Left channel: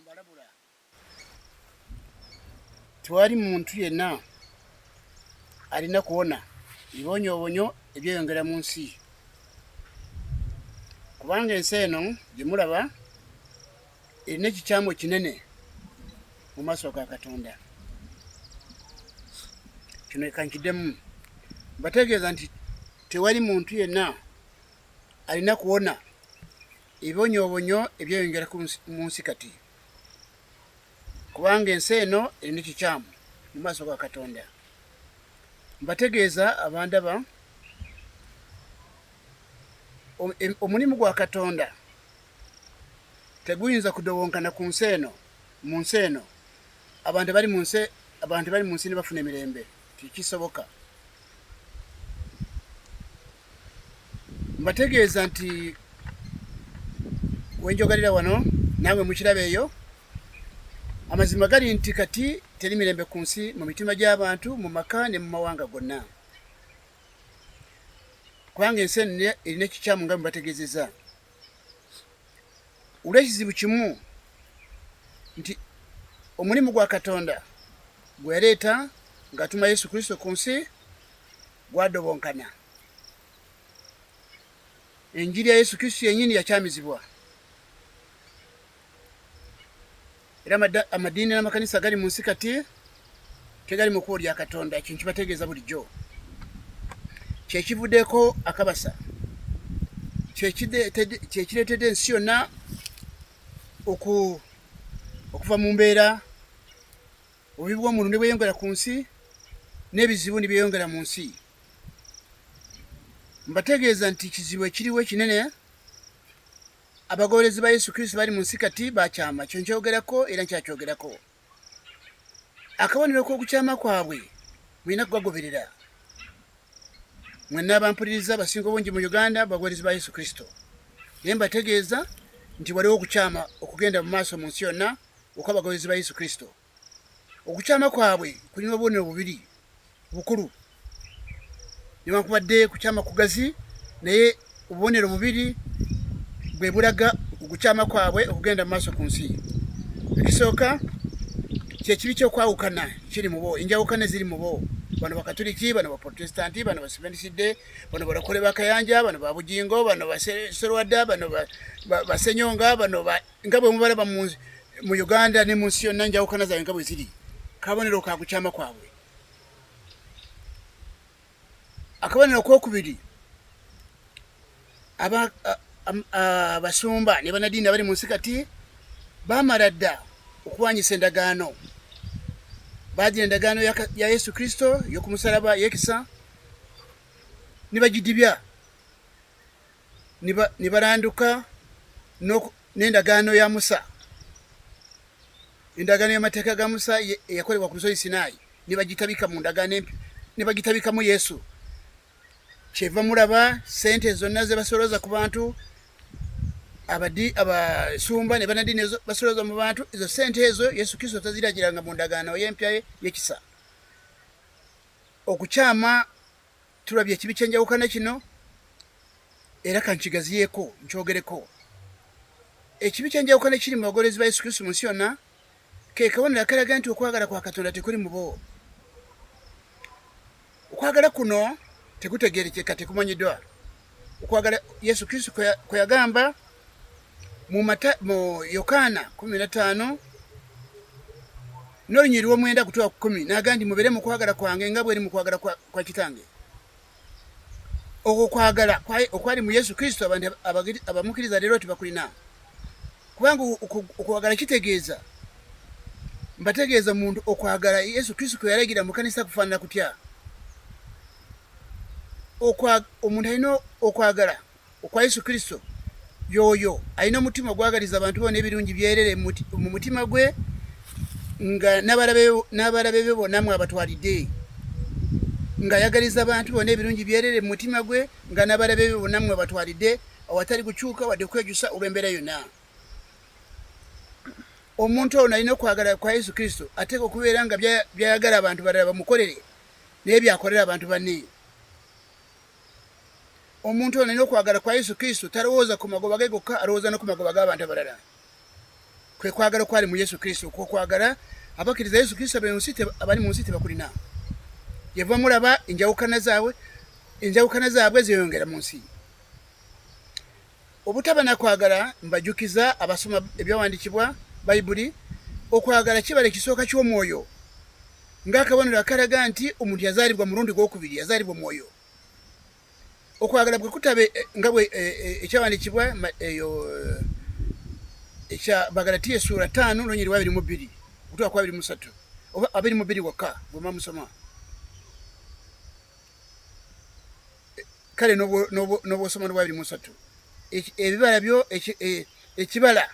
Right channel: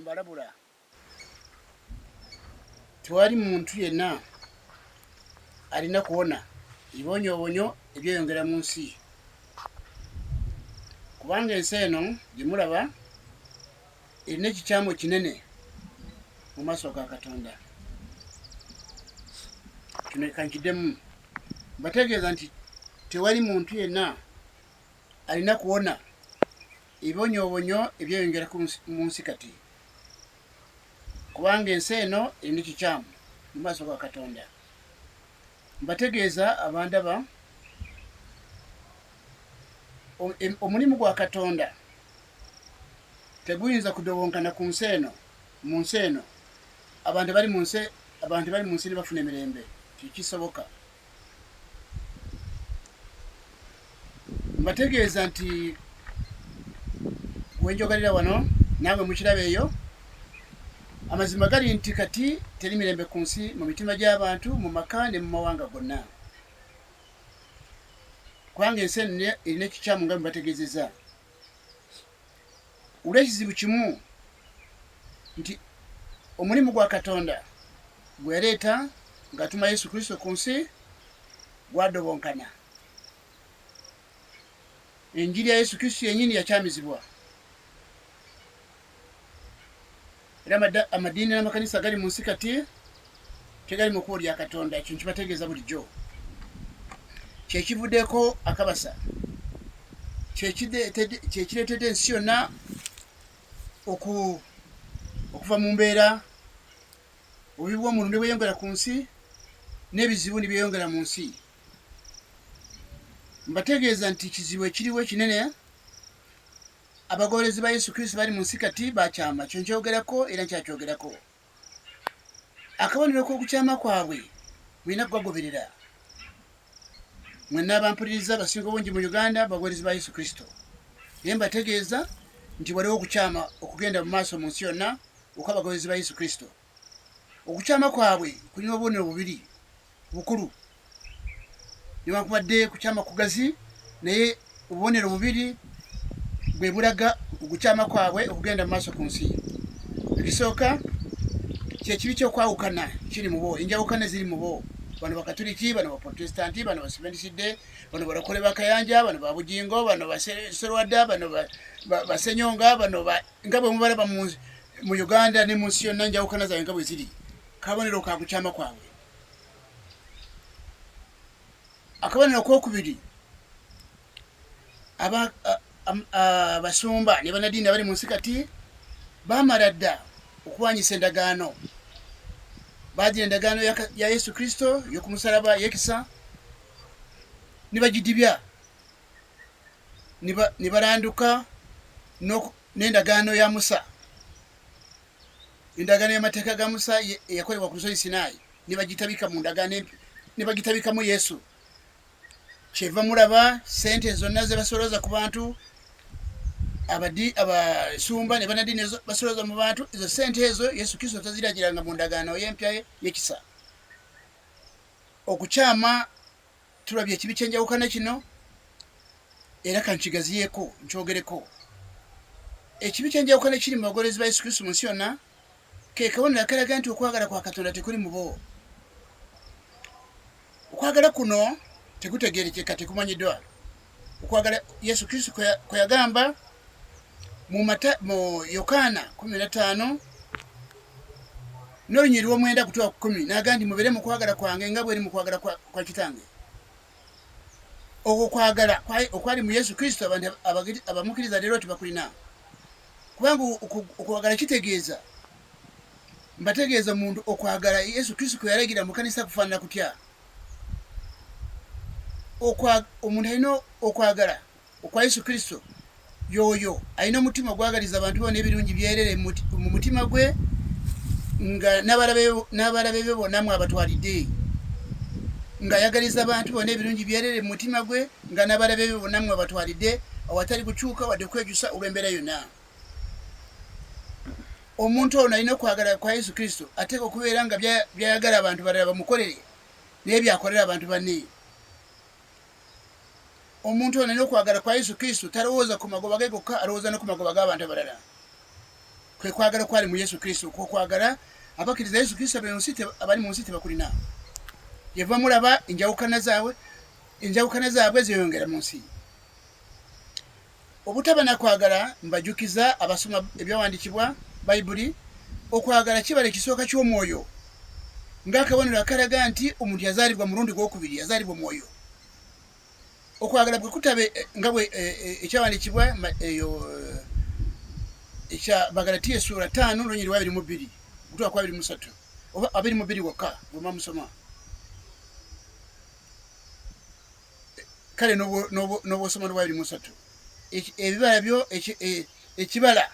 mbalabula tewali muntu yenna alina kuwona ibonyoobonyo ebyeyongera mu nsi kubanga ensi eno gye mulaba erina ekikyamu kinene mu maaso ga Katonda. Kino kankiddemu mbategeeza nti tewali muntu yenna alina kuwona ibonyoobonyo ebyeyongera mu nsi kati kubanga ensi eno erina ekikyamu mu maaso ga Katonda. Mbategeeza abandaba omulimu gwa Katonda teguyinza kudowonkana ku nsi eno mu nsi eno abantu bali mu nsi ne bafuna emirembe tekisoboka. Mbategeeza nti wenjogalira wano naawe mukiraba eyo amazima gali nti kati teri mirembe ku nsi mu mitima gy'abantu mu maka ne mu mawanga gonna kubanga ensi erina ekikyamu nga mbategeezeza olw'ekizibu kimu nti omulimu gwa Katonda gwe yaleeta ng'atuma Yesu Kristo ku nsi gwadobonkana. Enjiri ya Yesu Kristo yennyini yakyamizibwa era amadiini n'amakanisa gali mu nsi kati tegali mu kkubo lya Katonda. Ekyo nkibategeeza bulijjo. Kyekivuddeko akabasa kyekireetedde ensi yonna okuva mu mbeera obubi bw'omuntu ne bweyongera ku nsi n'ebizibu ne byeyongera mu nsi. Mbategeeza nti kizibu ekiriwo ekinene abagoberezi ba Yesu Kristo bali mu nsi kati bakyama. Kyo nkyogerako era nkyakyogerako. Akabonero k'okukyama kwabwe mulina kugagoberera. Mwenna abampuliriza abasinga obungi mu Uganda bagoberezi ba Yesu Kristo. Naye mbategeeza nti waliwo okukyama okugenda mu maaso mu nsi yonna okw'abagoberezi ba Yesu Kristo. Okukyama kwabwe kulina obubonero bubiri bukulu. Newankubadde kukyama kugazi naye obubonero bubiri bwe bulaga okukyama kwabwe okugenda mu maaso ku nsi. Ekisooka kyekibi kyokwawukana kiri mu bo, enjawukana ziri mu bo. Bano bakatuliki, bano baprotestanti, bano baseventiside, bano balokole bakayanja, bano babujingo, bano baserwadda, bano basenyonga, bano nga bwe mubalaba mu Uganda ne mu nsi yonna enjawukana zaabwe nga bwe ziri. Kabonero ka kukyama kwabwe. Akabonero k'okubiri abasumba ne bannaddiini abali mu nsi kati baamala dda okuwanyisa endagaano. Baagira endagaano ya Yesu Kristo y'okumusalaba yekisa ne bagidibya ne baranduka n'endagaano ya Musa, endagaano y'amateeka ga Musa eyakolebwa ku lusozi Sinaayi ne bagitabika mu ndagaano empya ne bagitabikamu Yesu. Kyeva mulaba sente zonna ze basolooza ku bantu abasumba ne bannaddiini basolooza mu bantu, ezo sente ezo Yesu Kristo taziragiranga mu ndagaano y'empya y'ekisa. Okukyama tulabye ekibi ky'enjawukana kino era kankigaziyeeko nkyogereko. Ekibi ky'enjawukana kiri mu bagoberezi ba Yesu Kristo mu nsi yonna ke kabonero akalaga nti okwagala kwa Katonda tekuli mu bo. Okwagala kuno tekutegeerekeka, tekumanyiddwa. Okwagala Yesu Kristo kwe yagamba mu Yokaana 15 n'olunyiriri lw'omwenda kutuuka ku 10 n'agamba nti mubeere mu kwagala kwange nga bweri mu kwagala kwa Kitange. Okwo kwagala okwali mu Yesu Kristo abantu abamukkiriza leero tebakulina. Kubanga okwagala kitegeeza, mbategeeza muntu okwagala Yesu Kristo kwe yalagira mu kanisa kufaanana kutya. Omuntu alina okwagala okwa Yesu Kristo yoyo alina omutima gwagaliza abantu bonna ebirungi byerere mu mutima gwe nga n'abalabe be bonna mwabatwalidde, ng'ayagaliza abantu bonna ebirungi byerere mu mutima gwe nga n'abalabe be bonna mwabatwalidde awatali kukyuka wadde okwejusa olw'embeera yonna. Omuntu ono alina okwagala kwa Yesu Kristo ateeka okubeera nga byayagala abantu balala bamukolere naye byakolera abantu banne. Omuntu ono alina okwagala kwa Yesu Kristo talowooza ku magoba ge gokka, alowooza no ku magoba g'abantu abalala. kwe kwagala kwali mu Yesu Kristo kwo kwagala abakkiriza Yesu Kristo abali mu nsi tebakulina yeva mulaba enjawukana zaabwe ziyongera mu nsi obutaba nakwagala mbajukiza abasoma ebyawandiikibwa bayibuli okwagala kibala ekisooka ky'omwoyo ng'akabonero akalaga nti omuntu yazaalibwa mulundi gwokubiri yazaalibwa omwoyo okwagala bwe kutabe nga bwe ekyawandiikibwa eyo ekya Bagalatiya essula 5 n'olunyiri 22 ogutwa kwa 23 oba 22 wokka bwema musoma kale n'obwosoma lwa 23 ebibala byo ekibala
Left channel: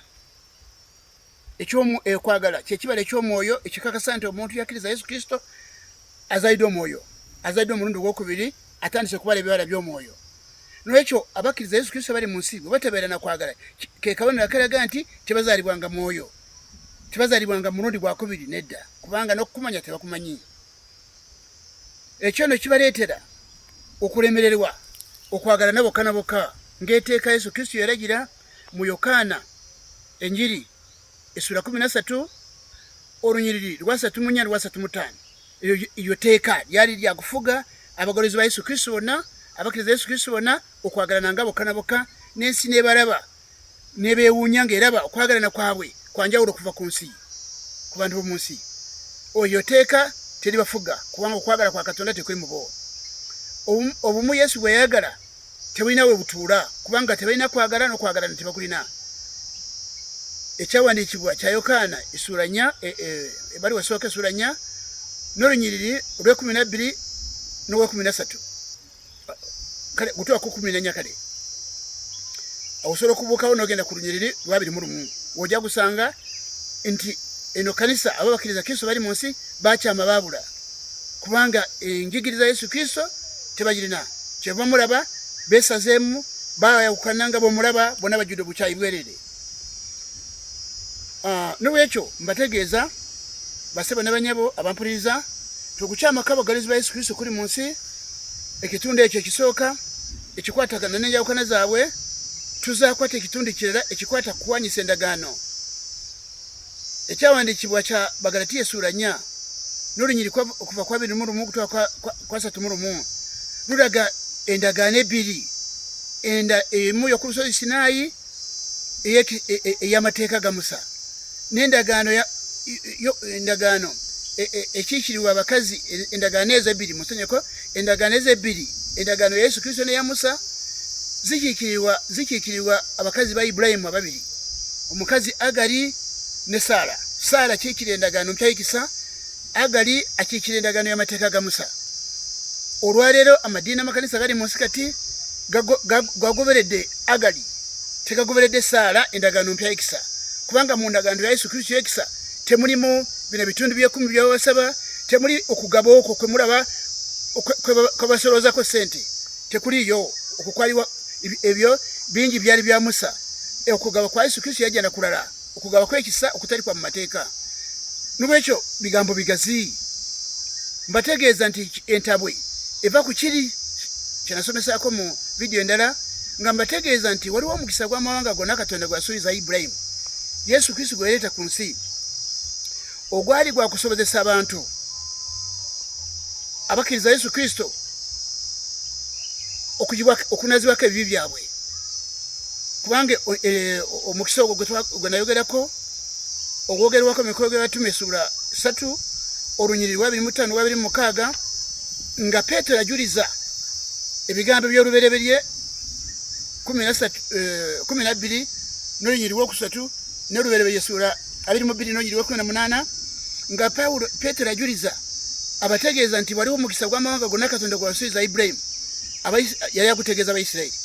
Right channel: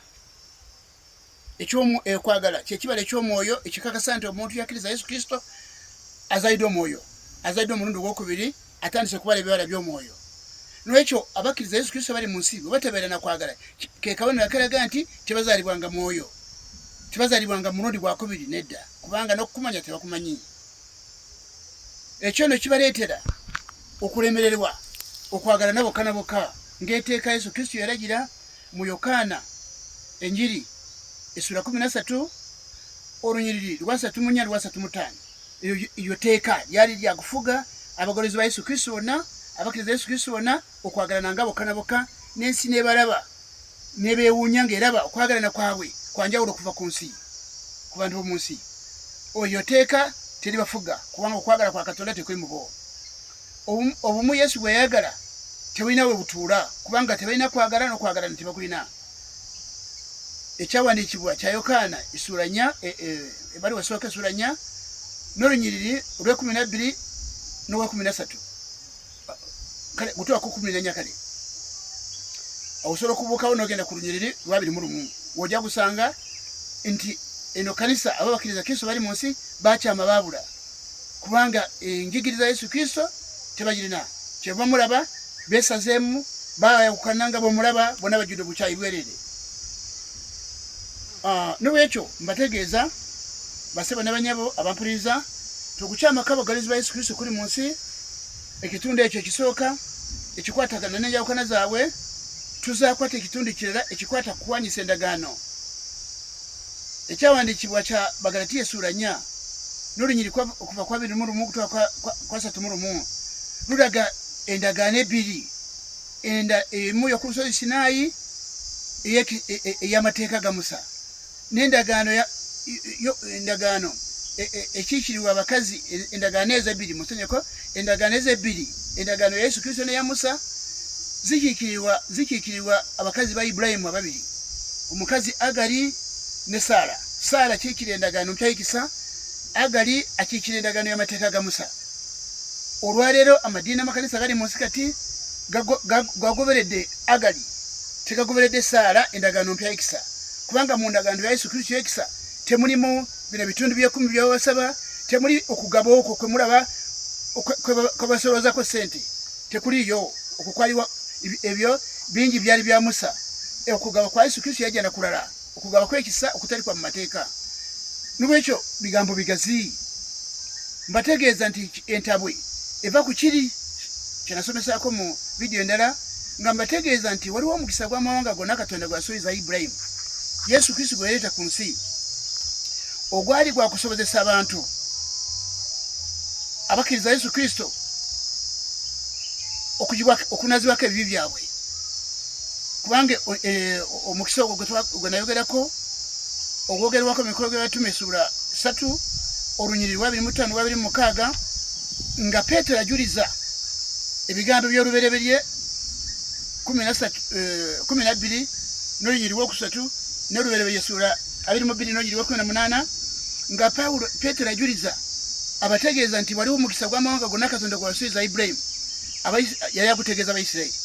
ekwagala kyekibala eky'omwoyo ekikakasa nti omuntu yakkiriza Yesu Kristo azaalidde omwoyo azaalidde omulundi gwokubiri atandise okubala ebibala by'omwoyo n'ekyo abakkiriza Yesu Kristo bali mu nsi bwe batebeera nakwagala ke kabonero akalaga nti tebazaalibwanga mwoyo tebazaalibwanga mulundi gwakubiri nedda kubanga n'okukumanya tebakumanyi ekyo nno kibaleetera okulemererwa okwagala nabokka nabokka ng'eteeka Yesu Kristo yalagira mu Yokaana enjiri essula 13 olunyiriri lwa 34 lwa 35 iryo teeka lyali lya kufuga abagolozi ba Yesu Kristo bonna abakkiriza Yesu Kristo bonna okwagalana nga bokka na bokka n'ensi n'ebalaba n'ebeewuunya ng'eraba okwagalana kwabwe kwanjawulo okuva ku nsi ku bantu b'omu nsi oyo teeka teribafuga kubanga okwagala kwa Katonda tekuli mu bo obumu Yesu bwe yayagala tebulina we butuula kubanga tebalina kwagala n'okwagalana tebakulina ekyawandiikibwa kya Yokaana essula 4 ebaliwa esooka essula 4 n'olunyiriri olw'12 n'olwa13 kale gutwako 14 kale osobola okubuukawo n'ogenda ku lunyiriri lwa 21 wojja gusanga nti eno kanisa abo bakkiriza Kristo bali mu nsi bakyama baabula kubanga enjigiriza Yesu Kristo tebagirina kyeva mulaba beesazeemu bayawukana nga bw'omulaba bonna bajjudde obukyayi bwerere n'olwekyo mbategeeza baseba ne banyabo abampuliriza tukukyamako abagalizi ba Yesu Kristo kuli mu nsi ekitundu ekyo ekisooka ekikwatagana n'enjawukana zaabwe tuzaakwata ekitundu kirala ekikwata kuwanyisa endagaano ekyawandiikibwa kya Bagalatiya essula 4 n'olunyiri okuva kwa 21 okutwala kwa 31 lulaga endagaano ebiri emu y'oku lusozi Sinaayi ey'amateeka ga Musa n'endagaano ekiikirirwa abakazi endagaano ezo ebbiri musonyeko endagaano ezo ebbiri endagaano ya Yesu Kristo n'eya Musa zikiikirirwa abakazi ba Ibulayimu ababiri omukazi Agali ne Saala kiikira endagaano mpyayikisa Agali akiikira endagaano y'amateeka ga Musa olwaleero amadiini amakanisa gali mu nsi kati gagoberedde Agali tegagoberedde Saala endagaano mpyayikisa kubanga mu ndagaano ya Yesu Kristo yekisa temulimu bino bitundu by'ekumi by'abasaba temuli okugaba okwo kwe mulaba kwe basoloozako ssente tekuliyo okukwaliwa ebyo bingi byali bya Musa okugaba kwa Yesu Kristo yajja na kulala okugaba kw'ekisa okutali kwa mu mateeka n'olwekyo bigambo bigazi mbategeeza nti entabwe eva ku kiri kyenasomesaako mu vidiyo endala nga mbategeeza nti waliwo omukisa gw'amawanga gonna Katonda gwasuubiza Ibulayimu Yesu Kristo gwe yaleeta ku nsi ogwali gwa kusobozesa abantu abakkiriza Yesu Kristo okunazibwako ebibi byabwe kubanga omukisa ogwo gwe nayogerako ogwogerwako mu mikolo gy'abatume essula 3 olunyiriri lwa 25 lwa 26 nga Peetero ajuliza ebigambo by'olubereberye 12 n'olunyiriri lwokusatu n'olubereberye essula 22 n'olunyiriri lwa 18 nga Peetero ajuliza abategeeza nti waliwo omukisa gw'amawanga gonna Katonda gwe yasuubiza Ibulayimu yali agutegeeza Abayisirayiri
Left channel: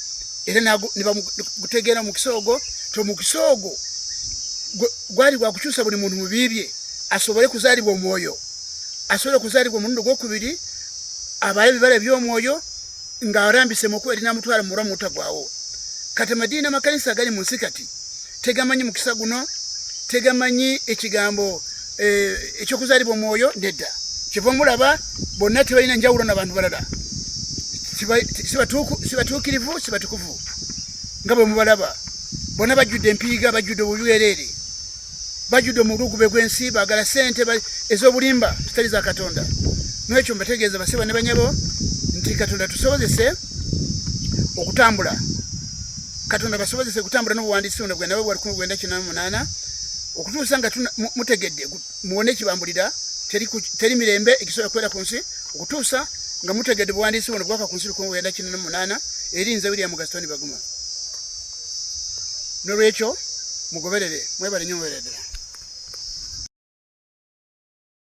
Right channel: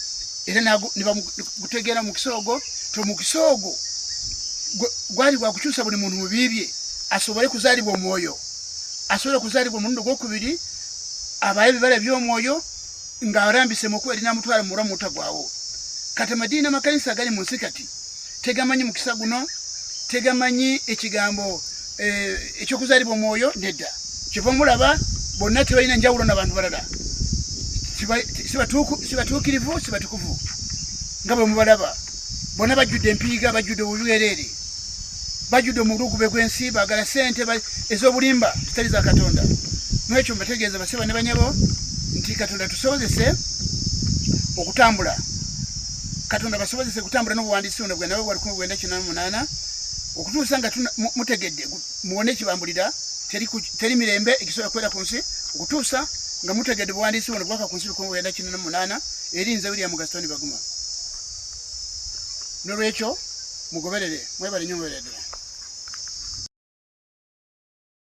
era ne bamutegeera mukisa ogwo omukisa ogwo gwali gwa kukyusa buli muntu mu bibye asobole kuzaalibwa omwoyo asobole kuzaalibwa omulundi gwokubiri abaye ebibala by'omwoyo ng'arambise mu kuba erinamutwala mu bulamu obutagwawo kati amadiini amakanisa agali mu nsi kati tegamanyi mukisa guno tegamanyi ekigambo ekyokuzaalibwa omwoyo nedda kyeva mulaba bonna tebalina njawulo n'abantu balala sibatuukirivu sibatukuvu nga bwe mubalaba bonna bajjudde empiiga bajjudde obubwereere bajudde mu lugube gw'ensi baagala ssente ez'obulimba zitali za Katonda. N'ekyo mbategeeza basiba ne banyabo nti Katonda tusobozese okutambula. Katonda basobozese kutambula n'obuwandiisi buno bwe nabo bwa 1998 okutuusa nga mutegedde muwone ekibambulira teri mirembe ekisobola kubeera ku nsi okutuusa nga mutegedde buwandiisi buno bwaka ku nsi 1998 erinze William Gaston Baguma. N'olwekyo mugoberere mwebale nnyo mubeere ddala.